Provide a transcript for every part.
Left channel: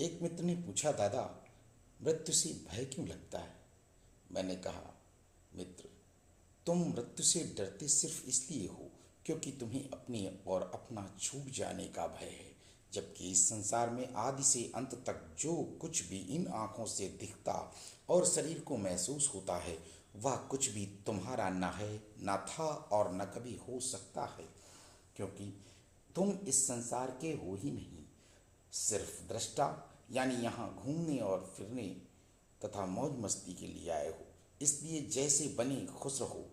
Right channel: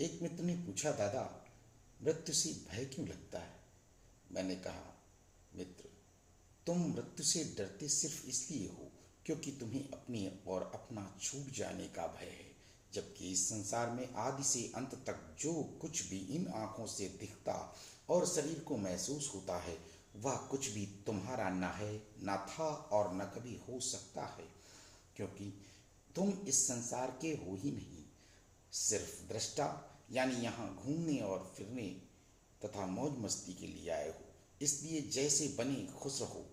एक मित्र ने पूछा, दादा, मृत्यु से भय क्यों लगता है? मैंने कहा, मित्र, तुम मृत्यु से डरते सिर्फ इसलिए हो क्योंकि तुम्हें अपने और अपना छूट जाने का भय है। जबकि इस संसार में आदि से अंत तक जो कुछ भी इन आंखों से दिखता और शरीर को महसूस होता है, वह कुछ भी तुम्हारा न है, न था और न कभी हो सकता है, क्योंकि तुम इस संसार के हो ही नहीं, सिर्फ दृष्टा, यानी यहाँ घूमने और फिरने तथा मौज मस्ती के लिए आए हो। इसलिए जैसे बने खुश रहो,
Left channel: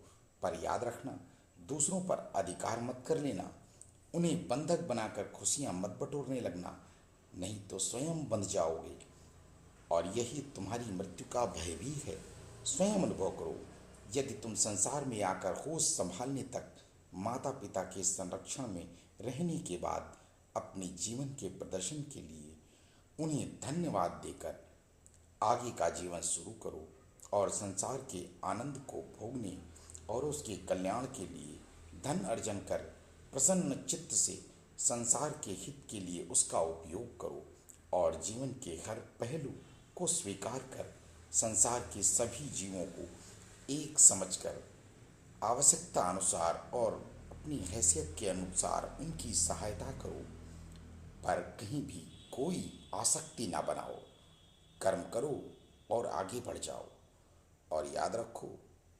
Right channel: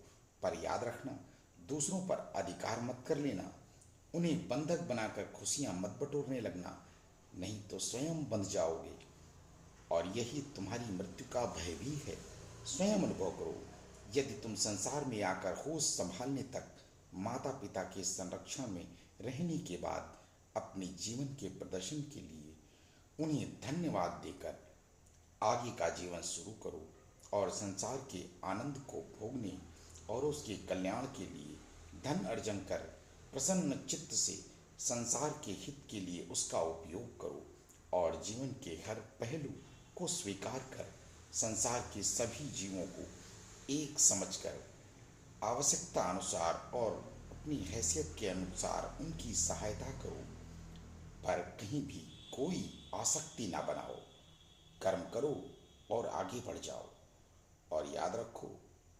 पर याद रखना, दूसरों पर अधिकार मत कर लेना, उन्हें बंधक बनाकर खुशियां मत बटोरने लगना, नहीं तो स्वयं बंध जाओगे। और यही तुम्हारी मृत्यु का भय भी है। स्वयं अनुभव करो। यदि तुम संसार में आकर होश संभालने तक माता पिता के संरक्षण में रहने के बाद अपने जीवन के प्रदर्शन के लिए उन्हें धन्यवाद देकर आगे का जीवन शुरू करो और संसार के आनंद को भोगने और उसके कल्याण के लिए धन अर्जन कर प्रसन्न चित्त से संसार के हित के लिए उसका उपयोग करो और जीवन के हर पहलू को स्वीकार कर संसार के सभी जीवों को एक समझकर आवश्यकता अनुसार और अपनी हैसियत के अनुसार उनकी सहायता करो, पर कहीं भी कोई आसक्ति ना बनाओ। कर्म करो और आगे बढ़ जाओ। और याद रखो,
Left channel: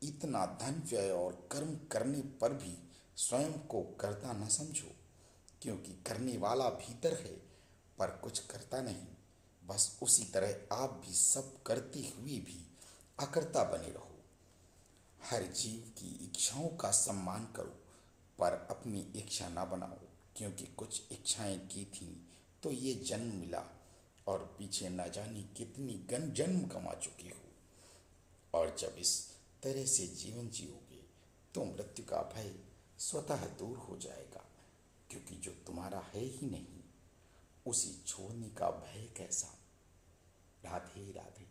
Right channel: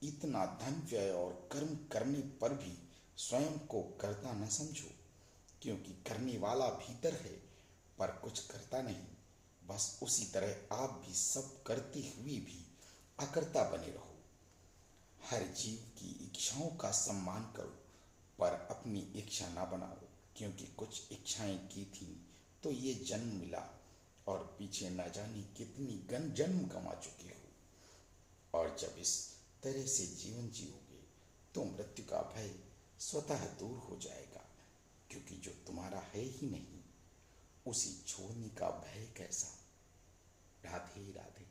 इतना धन व्यय और कर्म करने पर भी स्वयं को कर्ता न समझो, क्योंकि करने वाला भीतर है पर कुछ करता नहीं। बस उसी तरह आप भी सब करते हुए भी अकर्ता बने रहो। हर जीव की इच्छाओं का सम्मान करो, पर अपनी इच्छा ना बनाओ, क्योंकि कुछ इच्छाएं की थी तो ये जन्म मिला और पीछे न जाने कितनी गन जन्म कमा चुके हो। और जब इस तरह से जीवन जियोगे तो मृत्यु का भय स्वतः दूर हो जाएगा, क्योंकि जो तुम्हारा है ही नहीं उसे छोड़ने का भय कैसा। राधे राधे।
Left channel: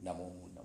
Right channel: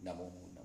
नमो नमो।